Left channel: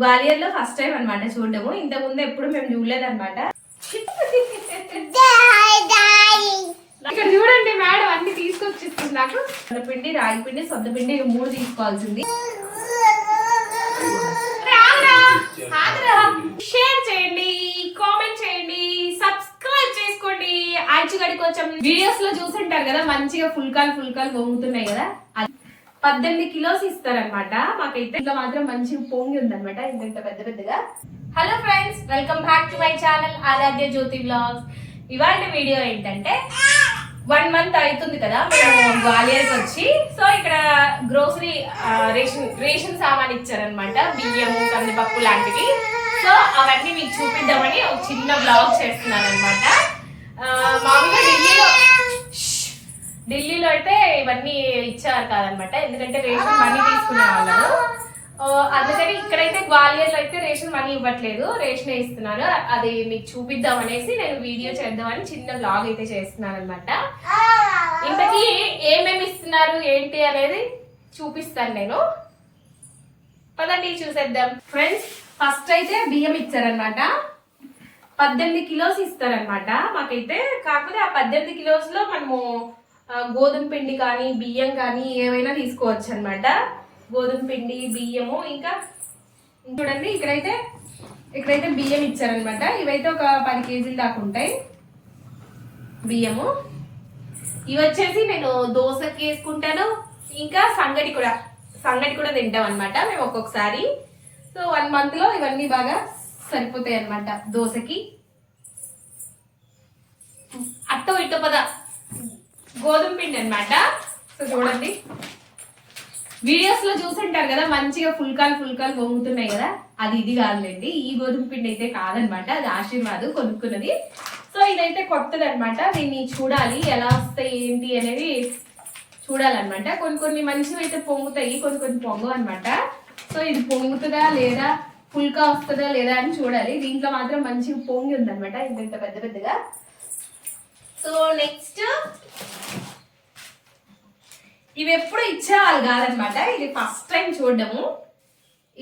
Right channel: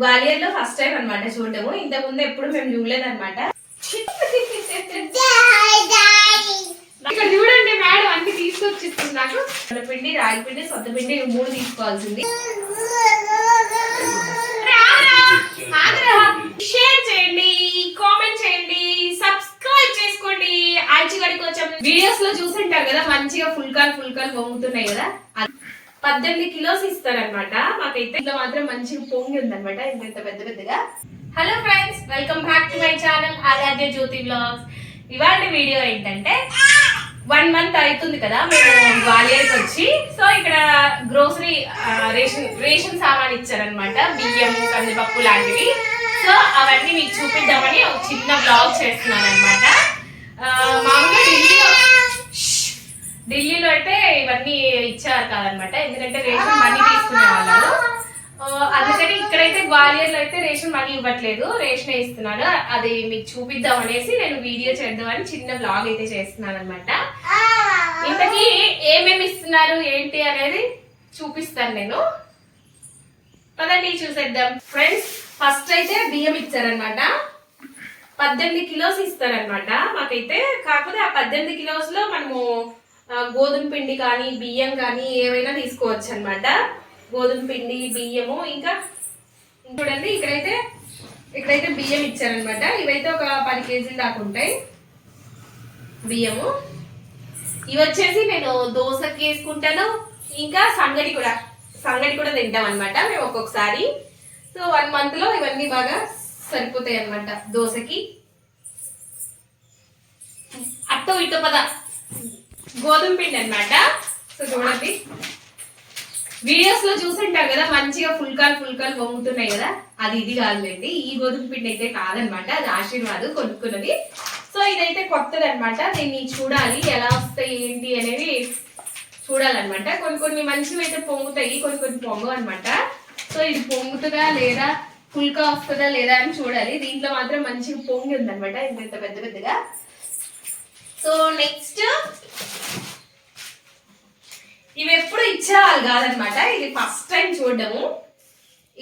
గ్వాలియర్ లో first time అనమాట చూడడము. ఇంతకు ముందు ఎప్పుడు మేము చూడలేదన్నమాట. ఇక్కడ చూడండి మేడం అన్ని తీసుకొచ్చిస్తుంది నాకు. పిండి, రాగి పిండి, సొంత పిండి 3 తీసుకోవాల్సింది. షేర్ చేయండి, కామెంట్ చేయండి, సబ్స్క్రైబ్ చేసుకోండి. ఆల్చిగడి కొంచెం వీడియోస్ లో చూసుంటారు కదా, మంచిగా ఫుల్ కాల్ పొంగుతున్నాయి కదా. 18 కిలోస్ ఇస్తారనమాట. మాకైతే ఇట్లా మాత్రం మంచిగా పొంగి ఉందనమాట, ఇంత పెద్దగా. Hello friends, welcome back to my channel Aaradhya Jyothi blogs. ఇవాళ వీడియో ఏంటంటే 1 మంత్ అవుతుంది కదా మేము గ్వాలియర్కి వచ్చి. సో ఇక్కడ గ్రోసరీ రేషన్ సామాన్ ఇచ్చారనమాట, బియ్యం, కందిపప్పు లాంటివి. సో అవన్నీ మీకు చూపిద్దామని ఒక చిన్న బ్లాగ్ చేస్తున్నాను అనమాట. మామూలుగా ఢిల్లీలో అయితే ఇవన్నీ ఇచ్చారు కాదనమాట, ఎందుకంటే రేషన్ మనీ తీసుకునే వాళ్ళు. అందుకని ఇక్కడైతే గ్వాలియర్లో అయితే రేషన్ మనీ ఇవ్వట్లేదు, రేషన్ ఇస్తున్నాను. అది మీకు చూపిద్దాం అనేసి నేను వీడియో చేద్దామని చిన్న బ్లాగ్ అయితే చేస్తున్నాను అనమాట. ఇంతకీ ఏమేమి ఇస్తున్నారు ఏంటి అనేది చూపిస్తాను నేను. పదండి చూసేద్దాం. ఫ్రెండ్స్, ఫస్ట్ అయితే బియ్యం ఇచ్చారనమాట. 18 కిలోస్ ఇస్తారనమాట మాకైతే. కాకపోతే ఆ 18 కిలోస్ లో మనము గోధుమ పిండి కానీ బియ్యం కానీ ఏవైనా తీసుకోవచ్చు అనమాట. గోధుమ పిండి, బియ్యము, ఇంకా చూడండి ఇక్కడైతే బియ్యం ఇచ్చారనమాట. ఇవైతే ఒక 10 కేజీలు దాకా ఉంటాయి బియ్యము. ఇవి వచ్చేసి నేను దోశకి వేసుకుంటాను, ఇంకా సంగటి కూడా తింటాం అనమాట మేము ఒక్కొక్కసారి. సో 1 మంత్ లో ఇవన్నీ బాగా సరిపోతాయి అనమాట దోశకి. అట్టో ఇట్టో పద గోధుమ పిండి అనమాట. సో చూడండి, వీడియోస్ లో చూసుంటారు కదా, మంచిగా ఫుల్ కాల్ పొంగుతున్నాయి కదా, అది ఇది కాదులేండి. ఈ గోధుమ పిండి అయితే కాదనమాట, అది ఆశీర్వాద్ కొనుక్కున్నది. సో ఇదైతే కొత్తది అనమాట. దీన్ని చూడాలి ఎలా వస్తాయి ఏంటి అనేవి చూడాలన్నమాట. కొన్ని మంచివి అయితే పొంగుతాయి, కొన్ని పొంగవు అనమాట. సో ఇది పొంగుతుందా లేదా, ఫుల్కా వస్తుందా లేదా అని చూడాలి. దీంట్లో మాత్రం మంచిగా పొంగి ఉందనమాట, ఇంత పెద్దగా. సో నెక్స్ట్, ఇవి ఎప్పుడు ఇచ్చేవాళ్ళు కాదనమాట, ఇది ఫస్ట్ టైం చూడడము.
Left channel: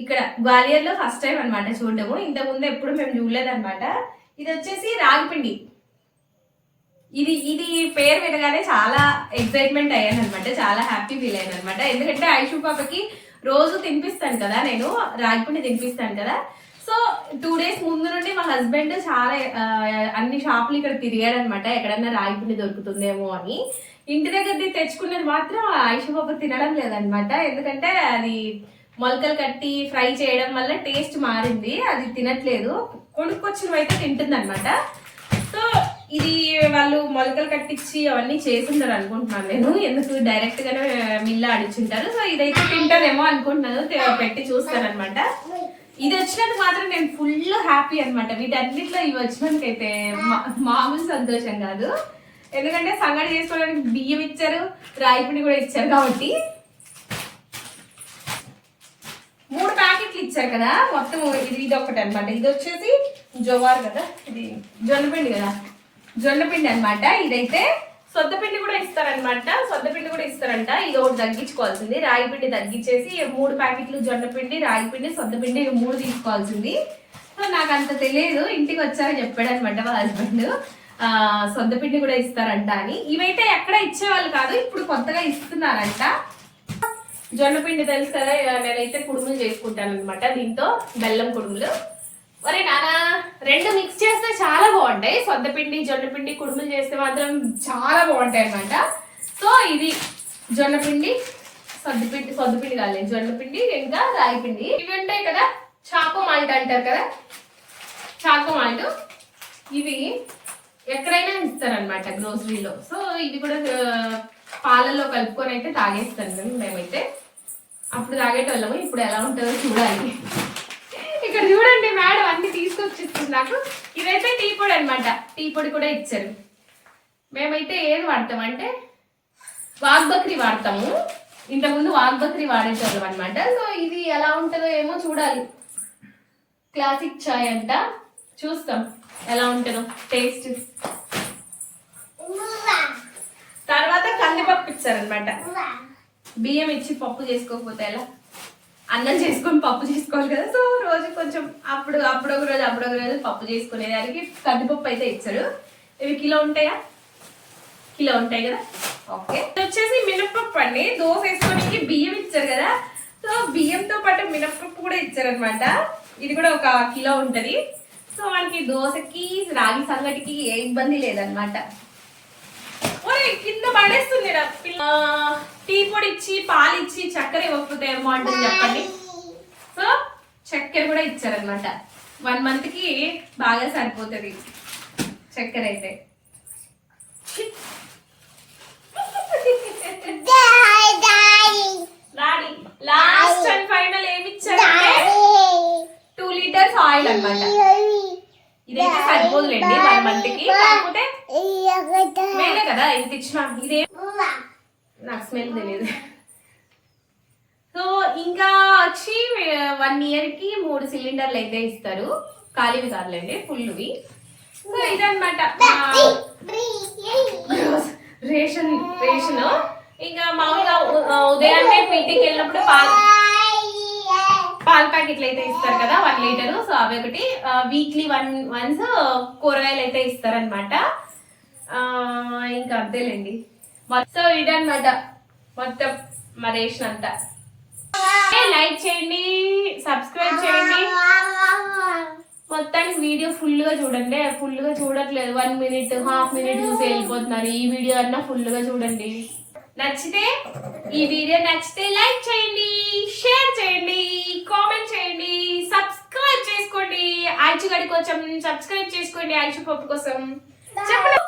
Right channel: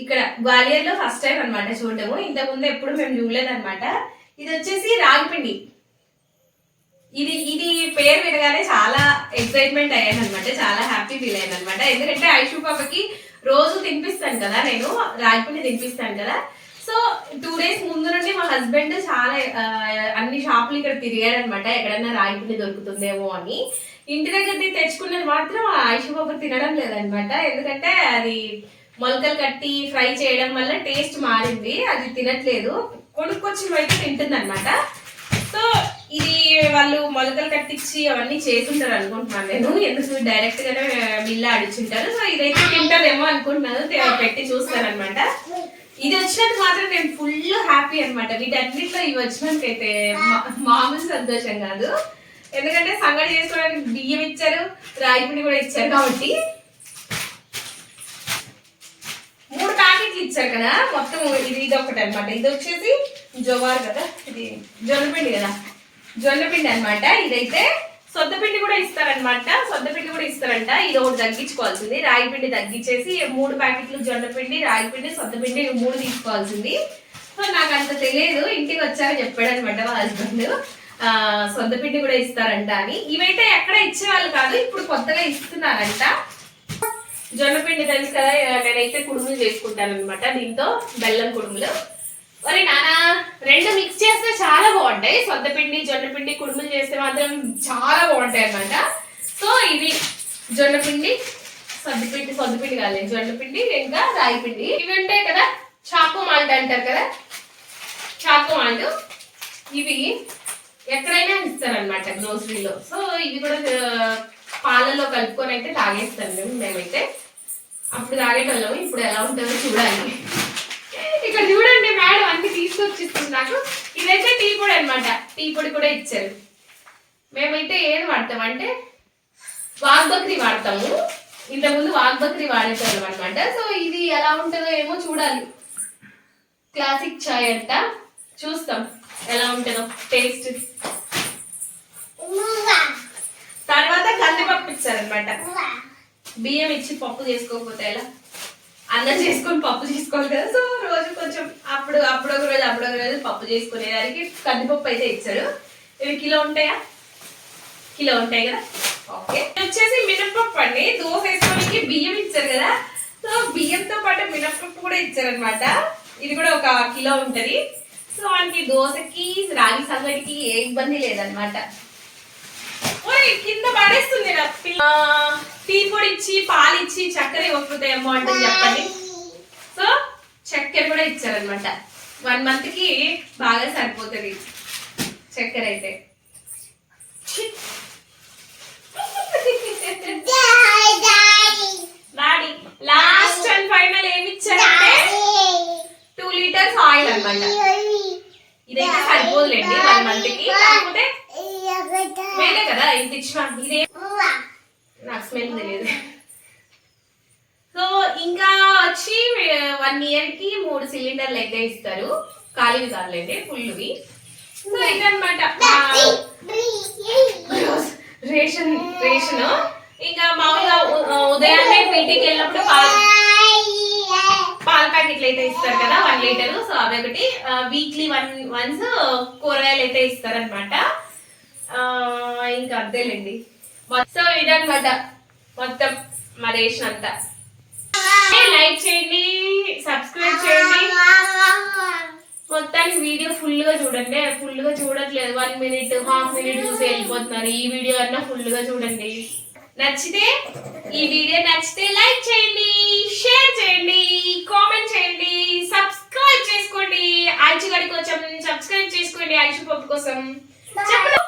ఇక్కడ గ్వాలియర్ లో ఫస్ట్ టైం అనమాట చూడడము. ఇంతకు ముందు ఎప్పుడు మేము చూడలేదన్నమాట. ఇది వచ్చేసి రాగిపిండి. ఇది పేరు వినగానే చాలా ఎక్సైట్మెంట్ అయ్యాను అనమాట, చాలా హ్యాపీ ఫీల్ అయ్యాను అనమాట. ఎందుకంటే ఐషు పాపకి రోజు తినిపిస్తాను కదా, నేను రాగిపిండి తినిపిస్తాను కదా. సో 2 days ముందు నుండి మా హస్బెండ్ చాలా అన్ని షాపులు ఇక్కడ తిరిగాడు అనమాట, ఎక్కడన్నా రాగిపిండి దొరుకుతుందేమో అని. ఇంటి దగ్గర తెచ్చుకున్నది మాత్రం ఐషు పాప తినడం లేదనమాట. ఎందుకంటే అది మొలకలు కట్టి ఫ్రై చేయడం వల్ల టేస్ట్ మారింది, అది తినట్లేదు. కొనుక్కొచ్చినవి అయితే తింటుంది అనమాట. సో ఇది వాళ్ళు మొలకలు కట్టించి అవన్నీ చేస్తుంటారు అనుకుంటున్నాను నేను, ఎందుకు డైరెక్ట్ గానే మిల్లు ఆడిచ్చుంటారు. సో ఇదైతే తింటారేమో అనుకుంటున్నాను, పెట్టి చూస్తారనమాట. ఇది వచ్చినందుకు మాత్రం నేను ఫుల్ హ్యాపీ అనమాట. వీటన్నిటిలో ఇవి వచ్చినందుకైతే మామూలు సంతోషం కాదు. ఎందుకంటే సంగటి చేసుకోవడానికి బియ్యం ఇచ్చారు, రాగిపిండి కూడా ఇచ్చారు కాబట్టి 3 ప్యాకెట్లు ఇచ్చారు కదా మొత్తం. ఇది ఒకటి అనమాట. ఇది వచ్చేసి జోవార్ కదా, ఇది జొన్నపిండి కదా, జొన్నపిండి అనమాట. ఇదైతే సొద్దపిండి కూడా ఇస్తారనమాట, సొద్దపిండి కూడా ఇస్తారంట. ఇది ఒకటి తగ్గించుకోవాల్సింది, రాగిపిండి తగ్గించేసి 3 ప్యాకెట్లు జొన్నపిండి, రాగిపిండి, సొద్దపిండి 3 తీసుకోవాల్సింది. సో నాకు అంత తెలియదు, ఇంటికి వచ్చాక చెప్పాడు అనమాట మా హస్బెండ్ సొద్దపిండి కూడా ఇస్తారంట అని. ఇవైతే ఎక్కడ ఇచ్చేవాళ్ళు కాదు, ఇప్పుడు కొత్తగా ఇస్తున్నారంట. జొన్నపిండి తెలుసు కదా, నేనైతే కుడుములు చేసుకుంటాను అనమాట దీంతో, బెల్లం కుడుములు. మరి నానా 2 మిక్స్ చేస్తే చాలా బాగుంటాయి. సొద్దపిండి, జొన్నపిండి కుడుములు చేస్తే మాత్రం చాలా బాగుంటాయి అనమాట. సో ఇది జొన్నపిండి, సొద్దపిండి కాదు, జొన్నపిండి ఇంకా రాగిపిండి. ఇవి ఉంటాయి కదా, చాకో మాల్ట్ అంటారు కదా, చాకో మాల్ట్. ఇవి ఎక్కడైనా ఇస్తారనమాట గ్రోసరీలో. సో ఇది కూడా పాలల్లో కలుపుకొని అయితే తాగేస్తాను మేమైతే. అప్పుడు తాగేటోళ్ళము, ఇప్పుడు ఎలా ఉంటుందో చూడాలి. ఇక్కడ చూడండి మేడం అన్ని తీసుకొచ్చిస్తుంది నాకు. ఇదైతే టీ పొడి అనమాట, టీ పొడి కూడా ఇచ్చారు. మేమైతే ఏది వాడతాం అంటే వాగ్ బక్రీ వాడతాము, ఇంతకుముందు వాగ్ బక్రీ వాడేటోళ్ళం అనమాట. సో ఇది ఎలా ఉంటుందో ఏమో చూడాలి. క్లాసిక్ చాయ్ అంట, చూస్తాం ఎలా ఉంటుందో టేస్ట్. తర్వాత కందిపప్పు ఇచ్చారనమాట. బియ్యం ఇచ్చి పప్పు చేసుకోకపోతే ఎలా, అన్నం చేసుకొని పప్పు చేసుకోవాలి కదా. సో రోజు కొంచెం అప్పుడు ఒక రోజు పప్పు చేసుకునేదానికి కందిపప్పు అయితే ఇచ్చారు. ఇవి కిలో ఉంటాయా? కిలో ఉంటాయి కదా. ఓకే, ఇది వచ్చేసి మినప్పప్పు అండి. దోశ వేసుకోవడానికి బియ్యం ఇచ్చారు కదా. సో బియ్యంతో పాటు మినప్పప్పు కూడా ఇచ్చారనమాట. ఇది కూడా ఒక కిలో ఉంటది. సో మనకి దోశకి రాగి సంగటికి ఏ ఇబ్బంది లేదనమాట. ఓరే కింద పడేస్తుంది టీ పొడి ఇచ్చి పాలు ఇచ్చి చక్కెర ఇవ్వకపోతే ఏం బాగుంటుంది చెప్పండి. సో చక్కెర కూడా ఇచ్చారనమాట. 1 month కి బాగా సరిపోతుంది చక్కెర అయితే. డాడీ లాస్ట్ అండ్ ఫైనల్ ఏమి ఇచ్చారంటే 2 liters ఆయిల్ అన్నమాట. ఇదైతే సరిపోదులేండి 1 month కి. కాకపోతే మేలే కదా ఇంత ఇచ్చిన. ఇదే నాకు స్మెల్ తెలియదు. సో ఇంకా వచ్చి 1 year కి 3 సిలిండర్లు అయితే ఇస్తారు. ఖాళీవి కాదులేండి, ఫుల్వి. సో ఇదన్నమాట రేషన్. ఇంకా మామూలుగా ఉదయాన్నే మీటింగ్కి వెళ్ళినప్పుడు పాల ప్యాకెట్లు అయితే ఇస్తారు కదా 1 liter. సో అవి ఒకటి వీక్లీ వన్స్ కూరగాయలు అయితే ఇస్తారనమాట. ఇంకా అంతేలేండి. సో ఇదన్నమాట మొత్తం మా రేషన్ అంతా. లైక్ చేయండి, సబ్స్క్రైబ్ చేయండి. మొత్తానికి వీడియో ఫుల్ గా చూడండి. ఫుల్ గా చూడట్లేదు, 1 minute, ½ minute చూసి వెళ్ళిపోతున్నారు. ఈ వీడియో అన్నా ఫుల్ గా చూడండి. ఈ వీడియో నచ్చితే లైక్ చేయండి, షేర్ చేయండి, కామెంట్ చేయండి, సబ్స్క్రైబ్ చేసుకోండి. ఆయిషు గడి కోసం సబ్స్క్రైబ్ చేసుకోండి. ఆయిషు పప్పు కోసం చెప్పండి.